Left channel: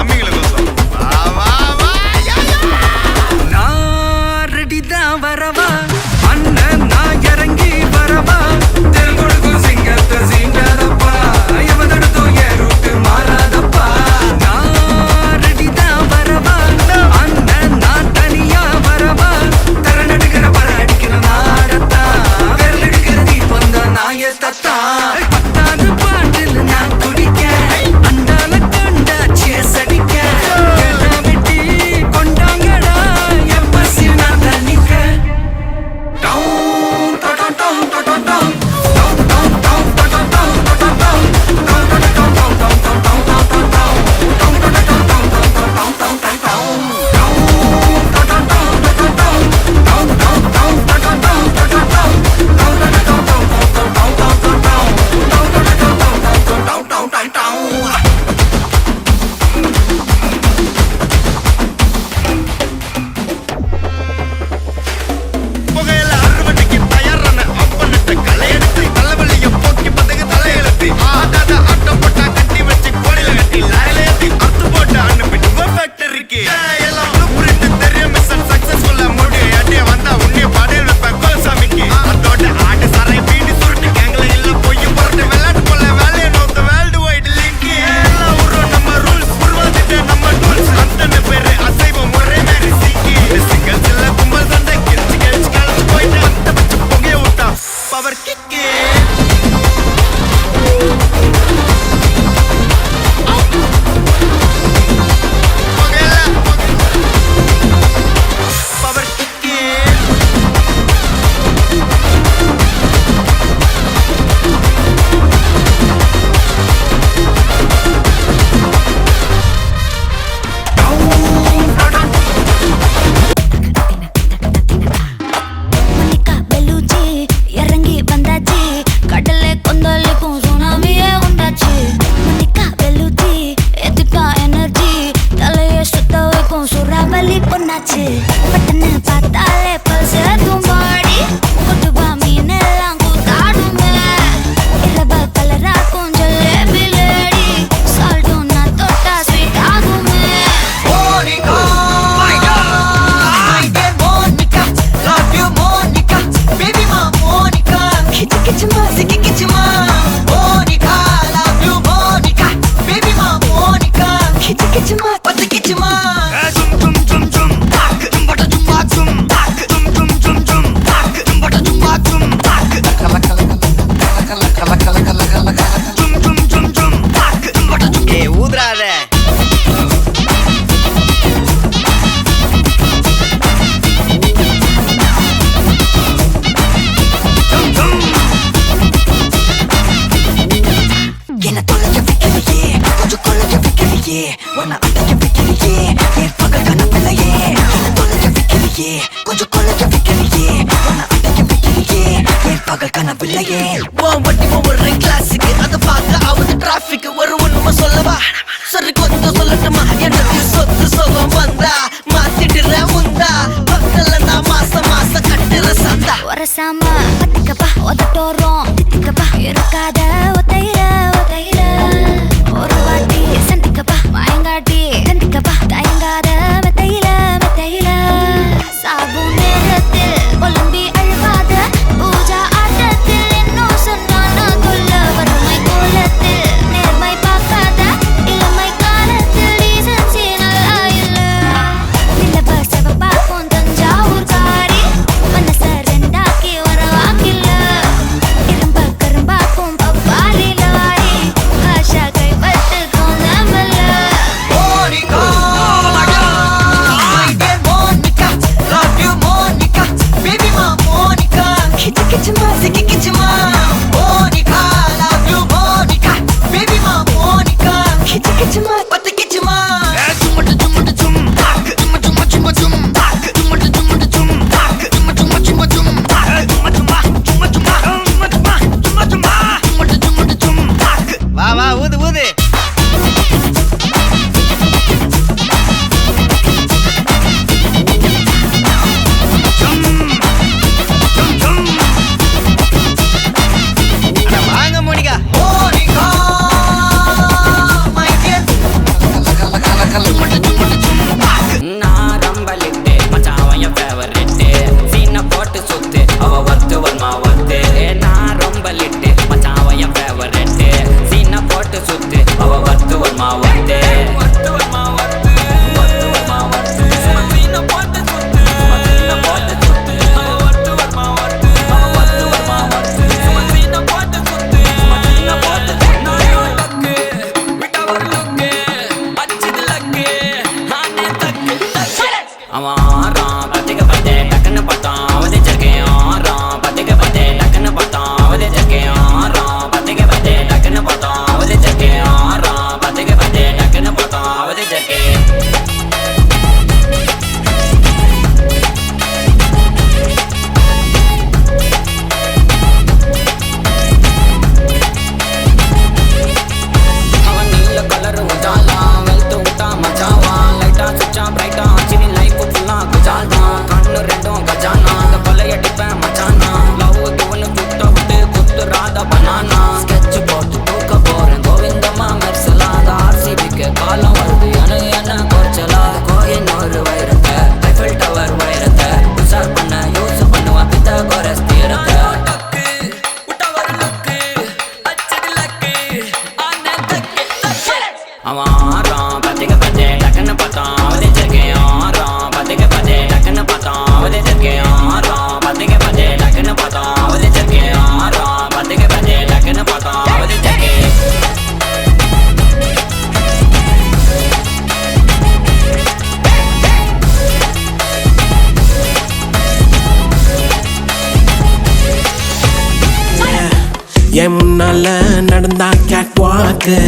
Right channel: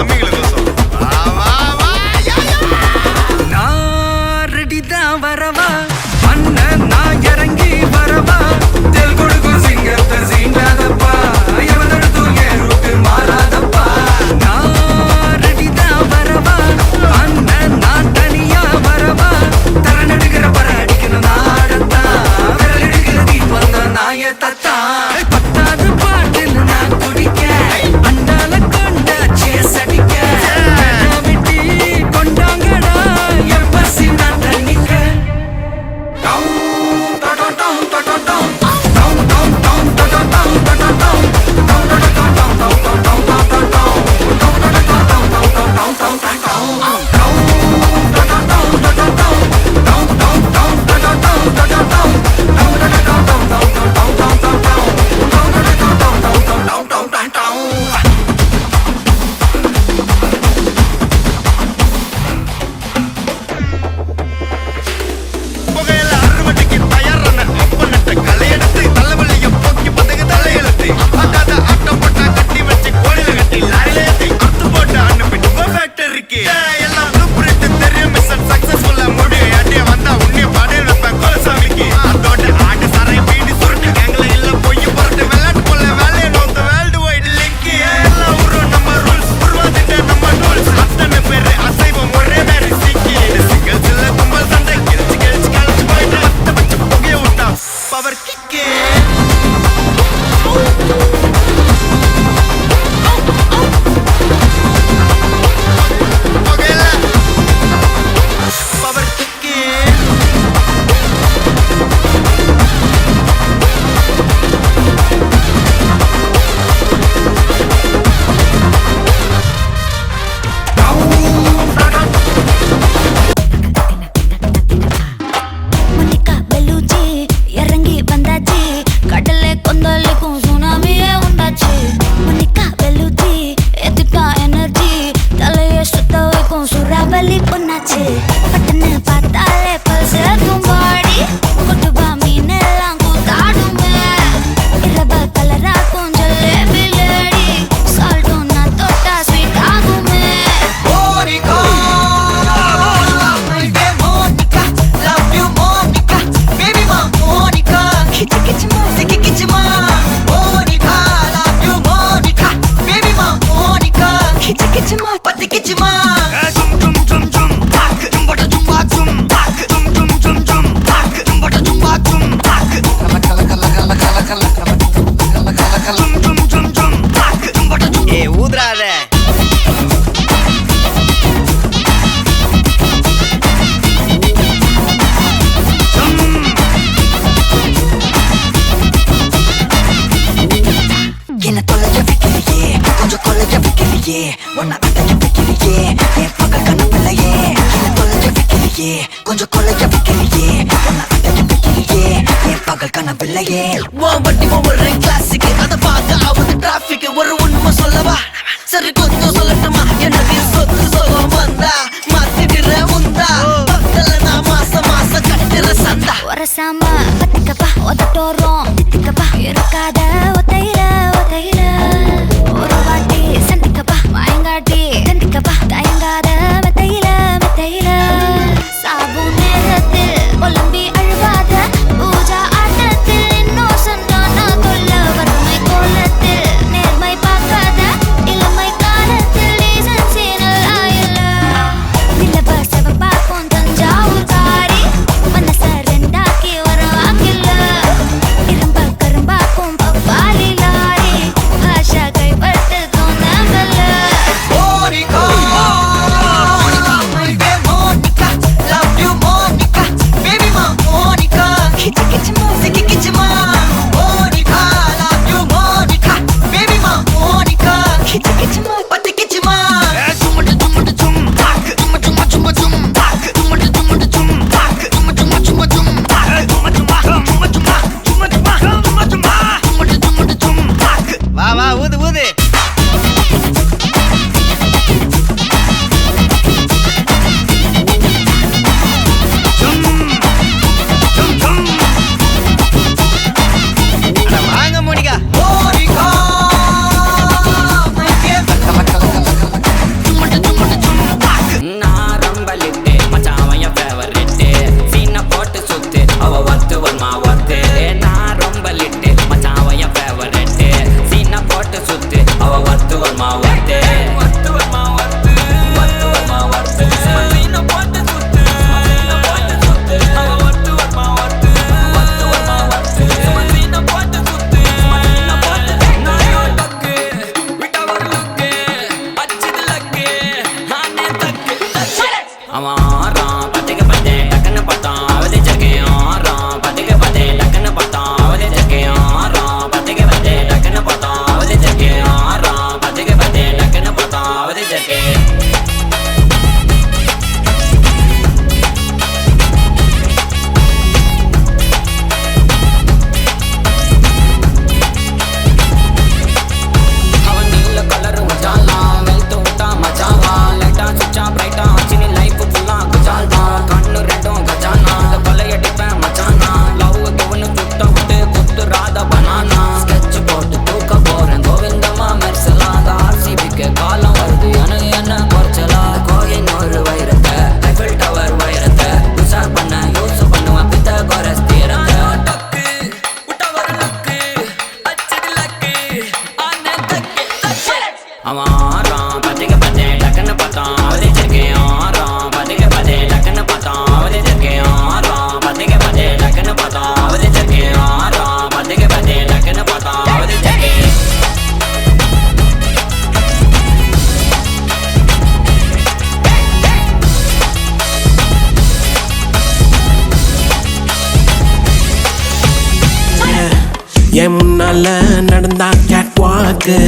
தம்பிங்களை கோசம் நான் ரெடிதான் வரவா அண்ணன் நான் இறங்கி வரவா தெல் கொடுக்கும் சிங்கத்தை சீண்டாதப்பா எவதடுத்தும் என் ரூட்டு மாறாதப்பா நான் ரெடிதான் வரவா அண்ணன் நான் தனியா வரவா தர நடுக்கிற பர அடிக்கணும் நாடத்தான் விரல் எடுக்கிற தீபம் தான் நாய தத்தா பத்தாவது பாட்டில் நான் குடிக்க அண்டால கண்டா சேஸ் அடிக்க கேட்டா வெட்டி கொண்டாங்கடா என் பசி நான் தண்ணிக்க புகையில அறுவடைக்கு தயாரான அப்பனட்ட கலையெடுத்து தலைவலிய போக்கி பதகு தலையெழுத்து ஆட்டாத ஆட்டம் போட்டா கட்டி வச்சு கோடியில கட்டி லாரில ஏத்தி அறுத்து போட்டு அனுப்பிட்டு ஃபேக்டரிக்கு எல்லாம் ப்ளூ பிரிண்ட் தெரியும் மிஷன் சக்சஸ்ஃபுல்லா முடியும் அடிய வந்தா உன்னைய பாடையில் வைப்பேன் கோலசாமிக்கு அதோட ஆட்டு சாரை பீடி சுருட்டு கேங்கல இல்ல பொய்ய புரட்டு விளையாட்டு போல வேலையை நோத்த வேர்ல்டு வைடு லிங்க் எல்லாம் உருவம் நம்ம ரூல்ஸ் உருவாதிட்ட நம்ம டூல்ஸ் அத்தனை பேரு அசைவம் ஒரே மாதிரி சீக்கி இது சிங்கிள்ஸ் இல்ல கும்பல் சந்தை கெளிச்சு கெளிச்சு கழிச்சு போயிட்டு பத்த பச்சை புகைய விட்டா பவர் கிக்கு பவர் கிக்கு மணிக்கா பெலூச்சி இறங்கி வந்தாச்சு கடலை கொந்தளிக்கும் சுனாமியே உண்டாச்சு மணிக்கா பெலூச்சி எத்துட்டா எனர்ஜி தலைய சுத்த வைக்கும் சுறாவலி பொண்ணாச்சு பட்டன்னு பார்த்தாலே பல்ஸ் தும்பாடி கொட்டுபா மீன் எல்லாம் கூத்தாடுமே இரவ கலராக்கும் ஜல்லேபி லேடி சால்ட்டும் நான் தொட்டா ஸ்வீட் ஆகுமே ஊதுறாத என்ன தொலைஞ்ச வைக்கலையே கொஞ்சம் கொலைஞ்ச வைக்கலையே உன்னை அடைஞ்ச வைக்கலையே என் பகல் கனவில்லையே என்ன தொலைஞ்ச வைக்கலையே கொஞ்சம் கொலைஞ்ச வைக்கலையே உன்னை அடைஞ்ச வைக்கலையே என் பகல் கனவில்லையே வண்டி ஒவ்வொரு கிளாஸுக்கு அதை பார்த்து அவங்க டிராபிக் ஒரு ஒண்ணுமா சொல்லவா சரி கொஞ்சம் சொல்லட்டுமா என்னது சொத்து சோகம் வந்தா மாத்திடுற உந்தா பக்கத்துல நான் மாசம் கட்டுற சந்தா ஒரசாம பத்துக்கப்பா உதட்டோரம் தித்திக்கப்பா இருக்காத ஒத்தையில ஒரு வாட்டி சந்திக்கப்பா வாயங்காட்டி கந்திக்கப்பா தயங்காத மெத்தையில சாபு நேரத்தில் ஒலிம்பி அழுவாத பூஜா ஆட்டத்தில் இன்னும் சொன்னா கொல்ல வறுமை கோலத்தில் நேர்மை பார்க்காத இளமை காலத்தில் டீசன்சி நல்லா இல்ல நிலவ செவப்பாக்கும் தஞ்சாவூர் காரி மனச ரெண்டாக்கி வரவாக்கில்ல இரும்ப கரும்பாக்கும் பப்பா ஜர்க்கே அவன் நீல கலர் உஜாலாம் வெல்த் விட்டா மஜாவா லைட்டா சுச்சா பிரைட்டா ஆச்சு நீ லைஃப் ஃபுல்லா குஜால் தான் கண்ணு ரெண்டும் கஜானா அந்த கொலையடிப்பேன் மச்சானா லவ் கிவனு சுத்த விட்டு குத்துறாத பனானா ஸ்கெட்ச் போட்டு தூக்க போறேன் கோவிந்தம்மா மெர்சலா அந்த ஆர்சிபிக்கு காலம் வருது என்ன குறைச்சலா கோயின் ஒரு வைரத்தை ஐஃபில் டவர் வைரத்தை உஷார் பண்ண யூஸ் பண்ணுவேன் பித்த கோரஸ் தீரத்தை அவன் ஆறான் பத்திக்க பத்தே டக்குன்னு பார்த்தான் அவதிச்சிருக்கேன் ஆறான் பத்திக்க பத்தே டக்குன்னு பார்த்தான் அவதிச்சிருக்கேன் ஆறான் பத்திக்க பத்தே டக்குன்னு பார்த்தான் அவதிச்சிருக்கேன் ஆறான் பத்திக்க பத்தே டக்குன்னு பார்த்தான் அவதிச்சிருக்கேன் என் முன்னால நடந்தா கேட் வாக்கு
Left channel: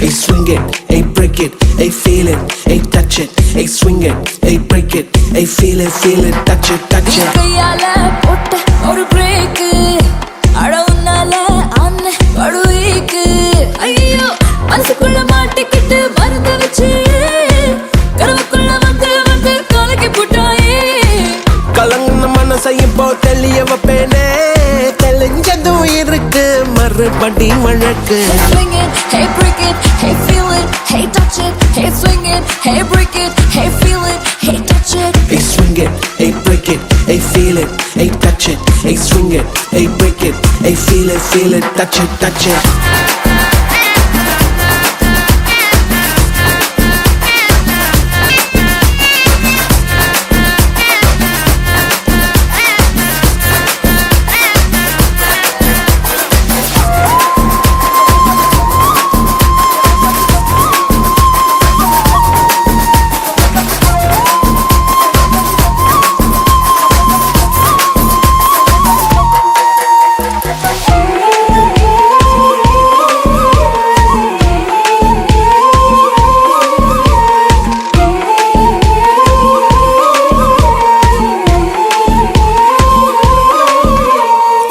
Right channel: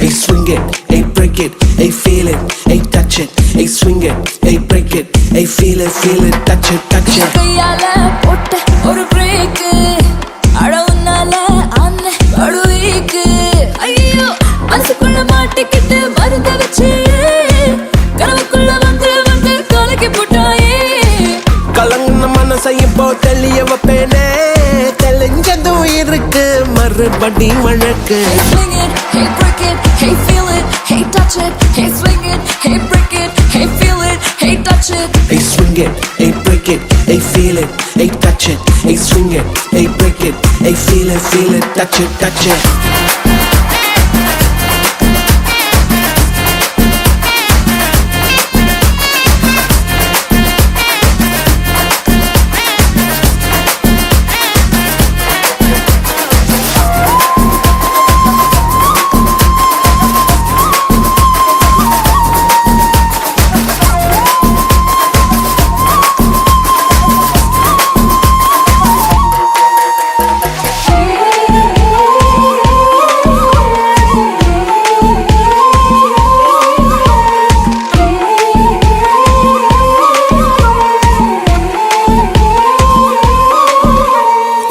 Hey swing it, hey break it, hey feel it, hey touch it, hey swing it, hey break it, hey feel it, touch it, touch it. கையால போட்ட ஒரு பிரேக் அட உன்னால அண்ண படுவீக்கு ஐயோ மனசுக்குள்ள மாட்டிக்கிட்டு மருந்த வச்சு கனவுக்குள்ள வந்து கலக்கி போட்டாயே கலங்கின மனசை இப்போ தெளிய வைப்பேனே தெளிஞ்சதும் இருக்கு மறுபடி வழக்கு Hey break it, hey feel it, hey touch it, hey swing it, hey break it, hey feel it, hey touch it. Hey swing it, hey break it, hey feel it, hey touch it, hey swing it, hey break it, hey feel it, touch it, touch it.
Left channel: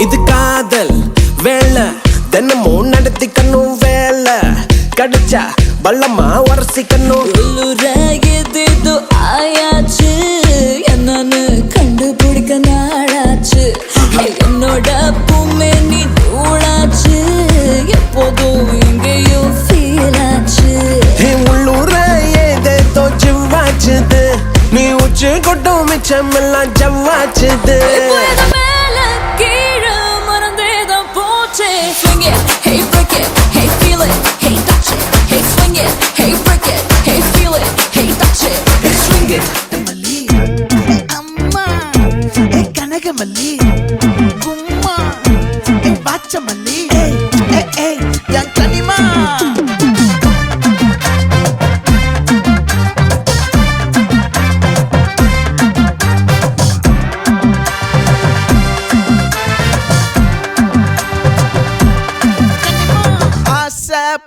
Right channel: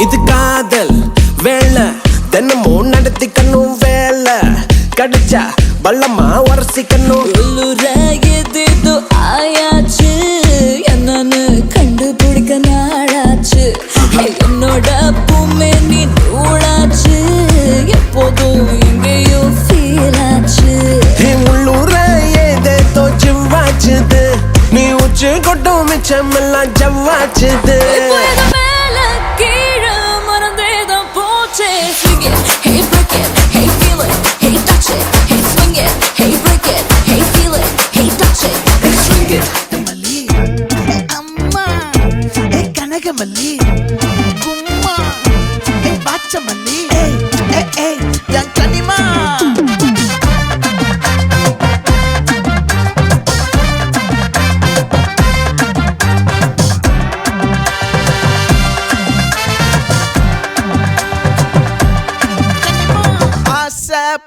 இது காதல் வேலை தினமும் நடத்திக்கணும் வேலை கிடைச்சா பள்ளமா உரசிக்கணும் ஏதேதோ ஆயாச்சு என்னன்னு கண்டுபிடிக்க நாளாச்சு என்னோட பூமே நீ நூலாச்சு எப்போதும் எங்கேயோ ஃபீல் ஆச்சு உள்ளூர ஏதேதோ ஜிவ்வாச்சுது நீ உச்சி கொட்டும் மிச்சமெல்லாம் ஜவ்வாச்சுது மேல கீழே மறந்தேதான் போச்சே Swing it, hey break it, hey feel it, hey touch it, hey swing it, hey break it, hey feel it, hey touch it. Hey swing it. மல்லி அம்மா ஏ கனகமல்லி கும்மா ஏ பாச்சமல்லி ஏய் என் கனிமா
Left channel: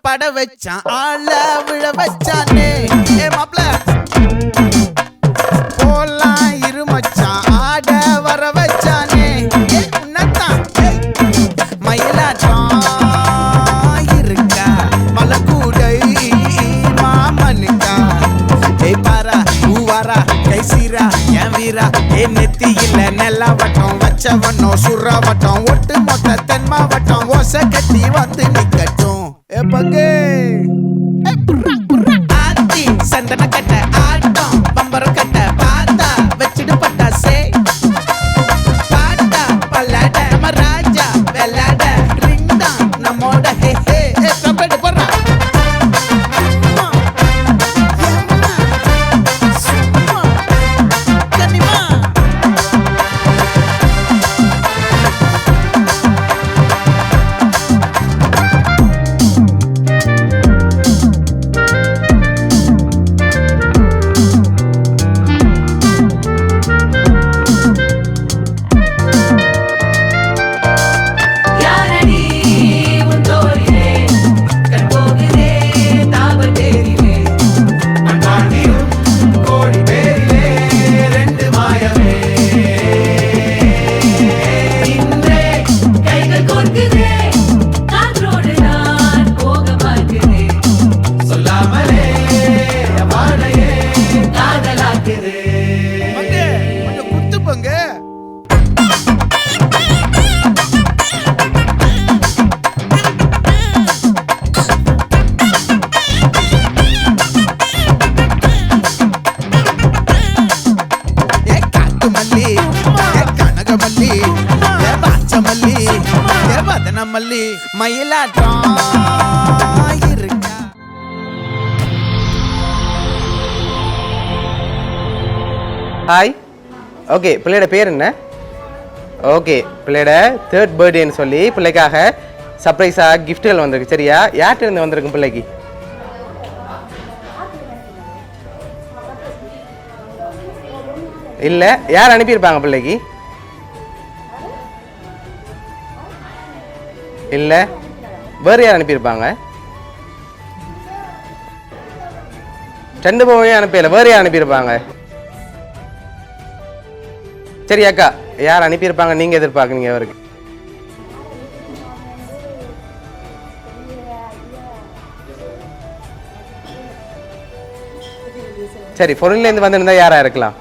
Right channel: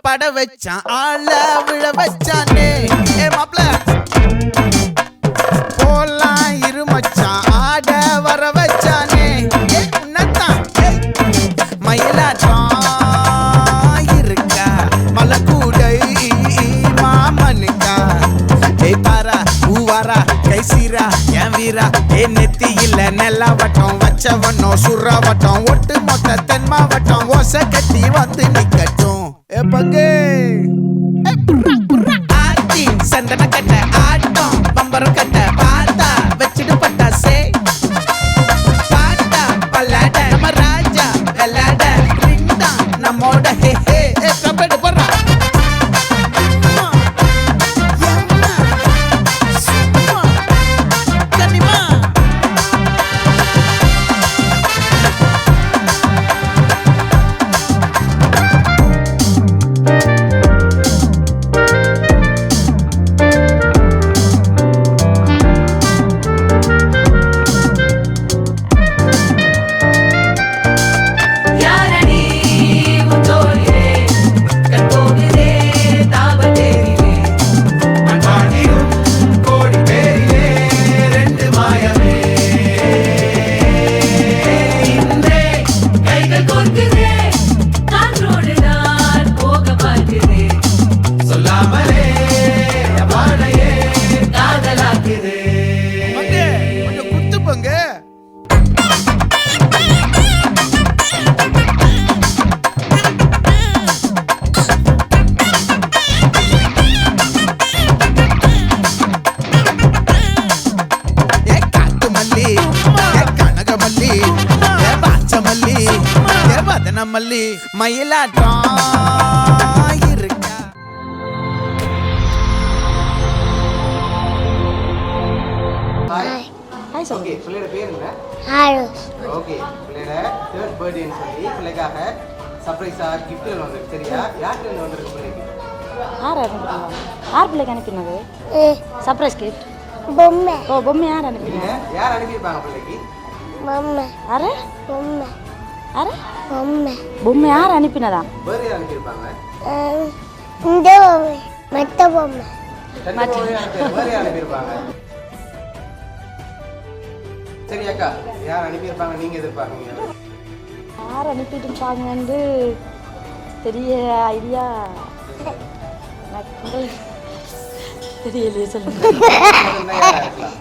பட வச்சான் ஆள விழ வச்சானே ஏ மாப்ள போலாம் இருமச்சான் ஆட வர வச்சானே ஏ உன்னத்தான் மயிலாட்டம் இருக்கா மலக்கூடை மாமனுக்கா ஏ பாரா ஊவாரா கைசீரா என் வீரா ஏ நெத்தி இல்ல நெல்லா வட்டம் வச்சவனோ சுறா வட்டம் ஒட்டு மொத்த தென் மாவட்டம் ஓசை கட்டி வந்து நிக்கட்டும் ஏ பங்கே ஆத்தி சந்தன கட்ட ஆட்டம் பம்பரம் கட்ட பாத்தா வச்சிடு பட்டாசே பாட்டா பல்லாட நம்ம ராஜா வெள்ளாட ரிங் தான் நம்மோட ஹே ஹே கம்பெடு போடுறா கனிமா வனமல்லி மயிலாட்டம் இருக்கா. ஹாய். ஓகே, பிள்ளையோட பேர் என்ன? ஓகே, பிள்ளையோட 3rd பர்த்டேன்னு சொல்லி பிள்ளைக்காக சர்ப்ரைஸாக கிஃப்ட்டுகள் வந்திருக்கு. சரியா? யார்கிட்ட இருந்து வந்திருக்கும் பிள்ளைக்கு? இல்ல, யார் அனுப்பியிருப்பாங்க பிள்ளைக்கு? இல்ல, வேற யார் அனுப்பியிருப்பாங்க? 2 பொம்மையே அனுப்பியல, வேற யார் அனுப்பியிருப்பாங்க? சரி அக்கா, யார் அனுப்பியிருப்பாங்க நீங்க எதிர்பார்க்குறீங்க அவருக்கு? யார் அனுப்பியிருப்பாங்க வந்து பெரிய ஐடியா தெரியலையே, சொல்லுங்க. சரி, பொருள்லேருந்து வந்திருந்தா யாரா இருக்கலாம்?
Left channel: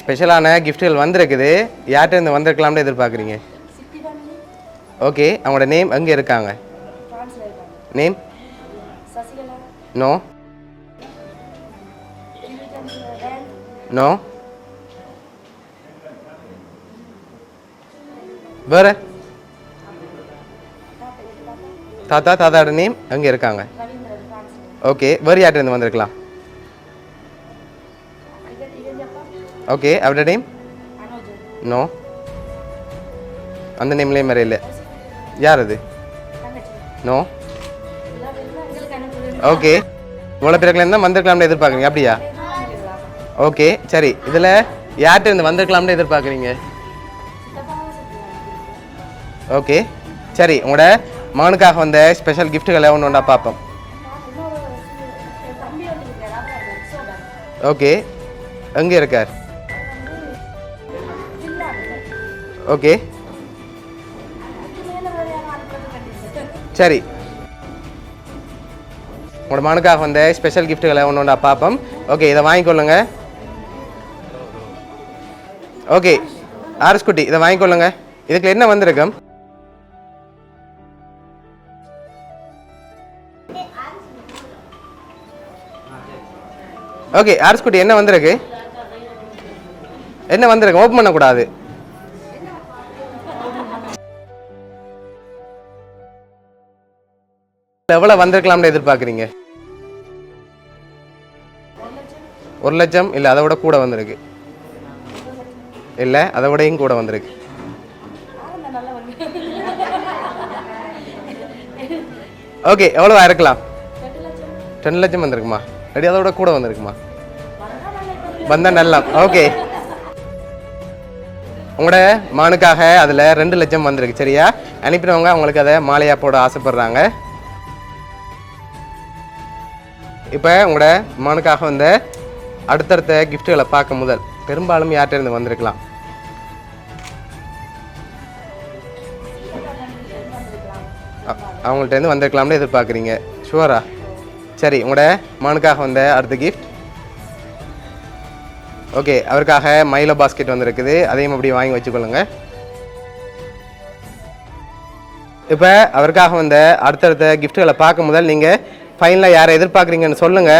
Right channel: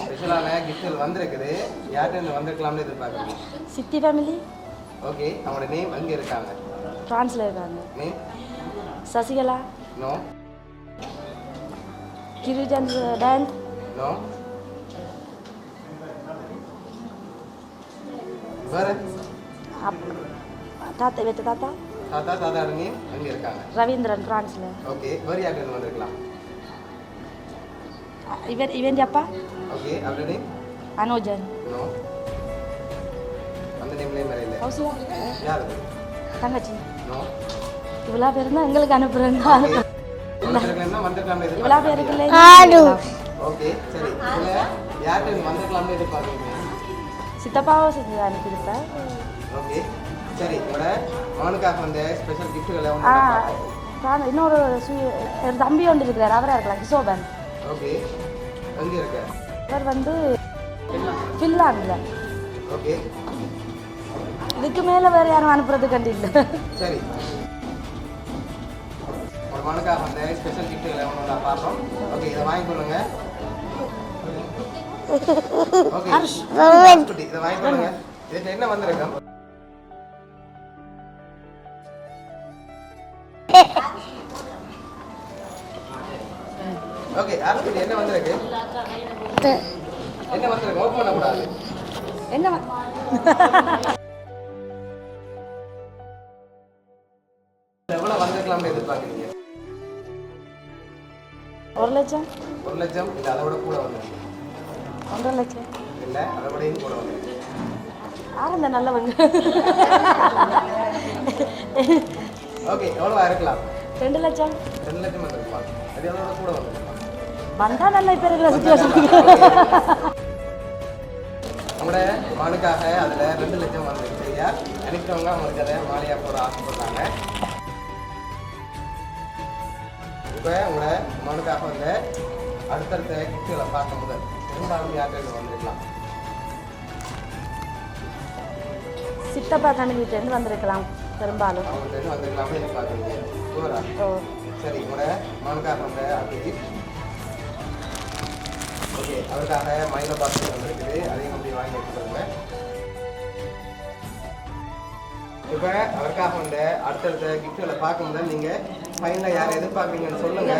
ஸ்பெஷலான கிஃப்ட்கள் வந்திருக்குது. யார்கிட்ட இருந்து வந்திருக்கலாம்னு எதிர்பார்க்குறீங்க? சித்தி ஃபேமிலி. ஓகே, அவங்களோட நேம் எங்கே இருக்காங்க? ஃப்ரான்ஸ்ல இருக்காங்க. நேம்? சசிகலா. நோ. கிருஜந்த் டேன். நோ. வேற? தாத்தா வெத்த தாத்தா. தாத்தாவோட நேம் எங்கே இருக்காங்க? ரவீந்திரன், ஃப்ரான்ஸ்ல. ஓகே, வேற யார்கிட்ட இருந்து வந்திருக்கலாம்? இவன் அப்பா. ஓகே, அவரோட நேம்? அனோஜன். நோ. அந்த நேம்லேயே மாதிரி இல்லை. யார் அது? தங்கச்சி. நோ. இவ்வளோ பேர் தான் எங்களுக்கு அனுப்புறேன். ஓகே, இவ்வளோ பேருக்குல இருந்தால் வந்திருக்கலாம்னு எதிர்பார்க்குறீங்க. அப்படியா? ஓகே, சரி, இதில் யார்கிட்ட இருந்து வந்திருக்கலாம்னு எதிர்பார்க்குறீங்க? சித்தப்பாவை அனுப்பியிருப்பேன். ஓகே, சரி, உங்களோட மகனுக்காக வந்த ஸ்பெஷல் கிஃப்ட்டுகளை ஒன்று ஒன்றா பார்ப்போம். இன்னொரு தம்பி ஒன்று இருக்கிறார், அவராக இருக்கலாம், கிஷோபன். ஓகே, எங்கே இருக்கார்? அவர் வந்து ஃபின்லாண்டில். ஓகே, இதுக்கு மேலே வேறு யாரும் அனுப்புறது கண்டிப்பாக. சரி, உங்களோட மகனுக்காக வந்த ஸ்பெஷல் கிஃப்ட்டுகளை ஒன்று ஒன்றா பார்ப்போம். ஓகே, இதை வாங்கிக்கொள்ளுங்க. ஓகே, ஆர்ஸ் குட்டி, இதை வாங்கிக்கொள்ளுங்க. இதுக்கு என்ன வந்திருக்கும்? ஓகே, ஆர்ஸ் குட்டி, என்ன வந்திருக்கு? என்ன வந்திருக்கு? ஓப்பன் பண்ணக்கூடாது. எவ்வளவு வந்திருக்கலாம்னு எதிர்பார்க்குறீங்க? 1 லட்சம். 1 லட்சம் இல்லை, அதை விட கூட வந்திருக்கு. 1.5 லட்சம். இல்லை, அதை விடையும் கூட வந்திருக்கு. நல்லவங்க. ஓகே, எவ்வளோ இருக்கலாம்? 2 லட்சம். 2 லட்சம் வந்திருக்குமா? ரெடி, அதோட கூட வந்திருக்குமா? வந்தா நல்லா. ஓகே, உங்களோட மகனுக்காக அதில் 2 லட்சம் வந்திருக்கு. சரியா? அனுப்பினவங்க அவங்களுக்கு அதை மாலையா போட ஆசைப்படுறாங்க. இப்போ உங்களோட மகனுக்காக வந்த அடுத்தடுத்த கிஃப்ட்டுகளை பார்க்க முதல் பெரும்பாலும் யார்கிட்ட இருந்து வந்திருக்கலாம்? சித்தப்பா ஃபேமிலியிலேருந்து வந்திருக்கலாம். அவங்கள்ட்ட இருந்து வந்திருக்கலாம்னு எதிர்பார்க்குறீங்க. ஷுவரா? சரி, உங்களோட மகனுக்காக வந்த அடுத்த கிஃப்ட். ஓகே, அவருக்காக மைலோ பாஸ்கெட் வந்திருக்குது. அதையும் அப்படி வாங்கி வச்சுக்கொள்ளுங்க. இப்போ அவருக்காக வந்த அடுத்தடுத்த கிஃப்ட்டுகளை பார்க்க முதல் நீங்கள் ஃபைனலாக யாரை எதிர்பார்க்குறீங்கன்னு சொல்லுங்க.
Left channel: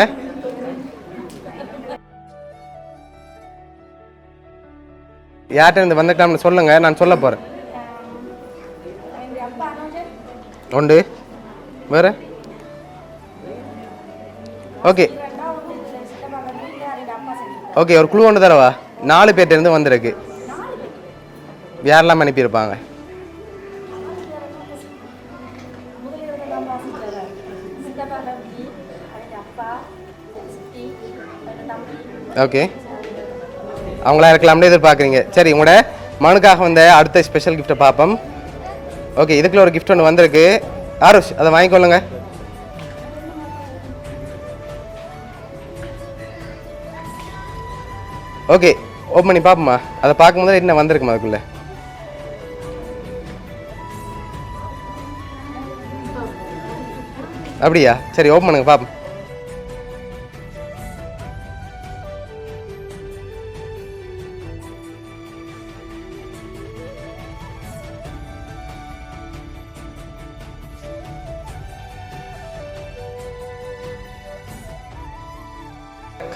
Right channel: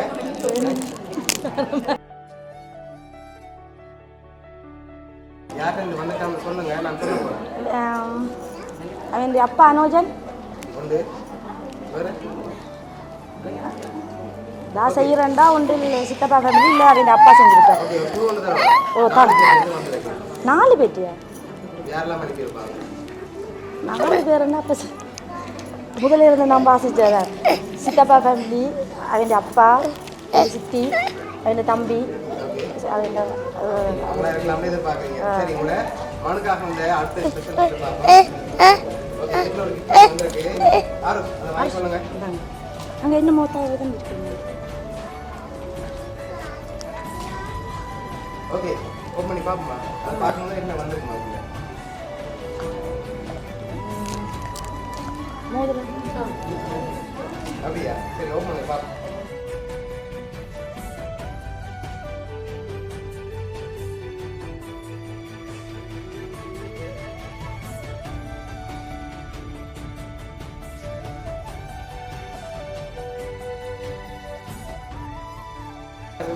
யார்கிட்ட இருந்து வந்திருக்கலாம்னு சொல்லுங்க, நான் சொல்ல போகிறேன். அப்பா அனோஜன். உண்டு. வேற? ஓகே, ஓகே, ஒரு குழு ஒன்று தரவா? 4 பேர்ட்ட இருந்து வந்திருக்கு. 4 பேர் யாரெல்லாம் அனுப்பியிருப்பாங்க? 4 பேர் என்ன? முதல்ல இருந்து நம்ம ஆசைச்சார் சித்தப்பா ஃபேமிலி, அவங்க அப்பா, சித்தி, அவங்க தம்பி. ஓகே, அவங்களா இருக்கலாம்னு எதிர்பார்க்குறீங்க. சரி, உங்களோட மகனுக்காக வந்த அடுத்த ஸ்பெஷல் கிஃப்ட்டை பார்ப்போம். ஓகே, இதுக்குள்ள ஒரு கிஃப்ட் ஒன்று வந்திருக்கு. ஆருஷ், அதை வாங்கிக்கொள்ளுங்க. அங்கே என்ன ஓகே, ஓப்பன் பண்ணி பார்ப்போமா? அதை பார்க்கும்போது என்ன வந்திருக்குமா அதுக்குள்ள? அப்படியா? சரி, ஓப்பன் பண்ணுங்க பார்ப்போம்.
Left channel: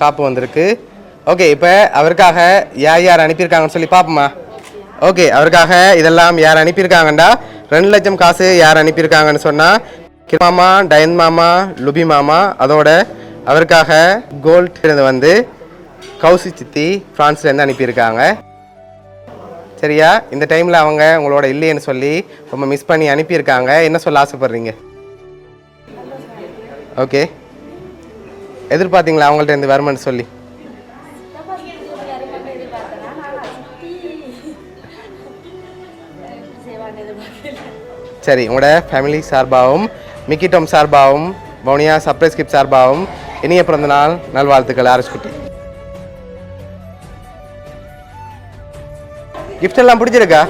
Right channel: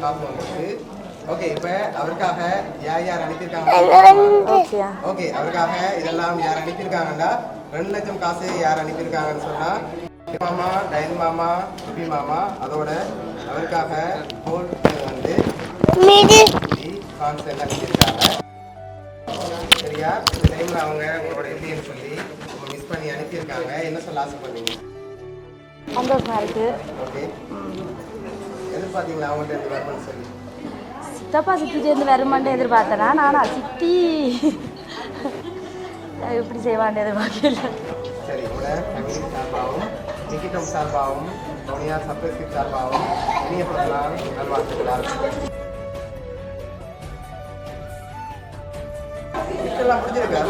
காப்பு வந்திருக்கு. ஓகே இப்போ அவருக்காக யார் யார் அனுப்பியிருக்காங்கன்னு சொல்லி பார்ப்போமா? ஓகே அவருக்காக இதெல்லாம் யார் அனுப்பியிருக்காங்கண்டா 2 லட்சம் காசு யார் அனுப்பியிருக்காங்கன்னு சொன்னால் மாமா, டயன் மாமா, லுபி மாமா, அதோட அவருக்காக கோல்டு வந்து கௌஷிக் சித்தி பிரான்ஸ்லேருந்து அனுப்பியிருக்காங்க. சரியா? இந்த டைமில் அவங்க உங்களோட இல்லைன்னு சொல்லி ரொம்ப மிஸ் பண்ணி அனுப்பியிருக்காங்க. என்ன சொல்ல ஆசைப்படுறீங்க? ஓகே எதிர்பார்த்தீங்களா அவங்கள்ட்ட இருந்து வருமானு சொல்லி? சித்தப்பா சித்திட்டேருந்து வருமானு எதிர்பார்த்தேனா, நானா சித்தி இப்படி செய்வான்னு எதிர்பார்க்கல. சரி, உங்களோட ஃபேமிலி சார்பாகவும் மிக்கிட்டோம் சார்பாகவும் மௌனியா சர்ப்ரைஸ் கிஃப்ட் சார்பாகவும் இனிய பிறந்த நாள் நல்வாழ்த்துக்கள். ஆரம்பிச்சுட்டு கிஃப்ட் எல்லாம் பிடிச்சிருக்கா?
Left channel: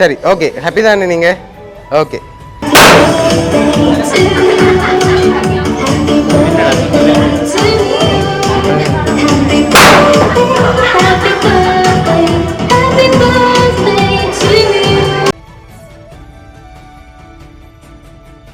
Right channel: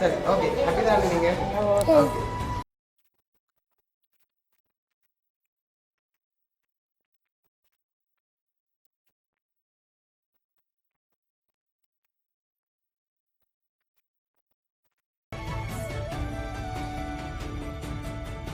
சரி, ஓகே ஹாப்பி தானே நீங்கள்? ஓகே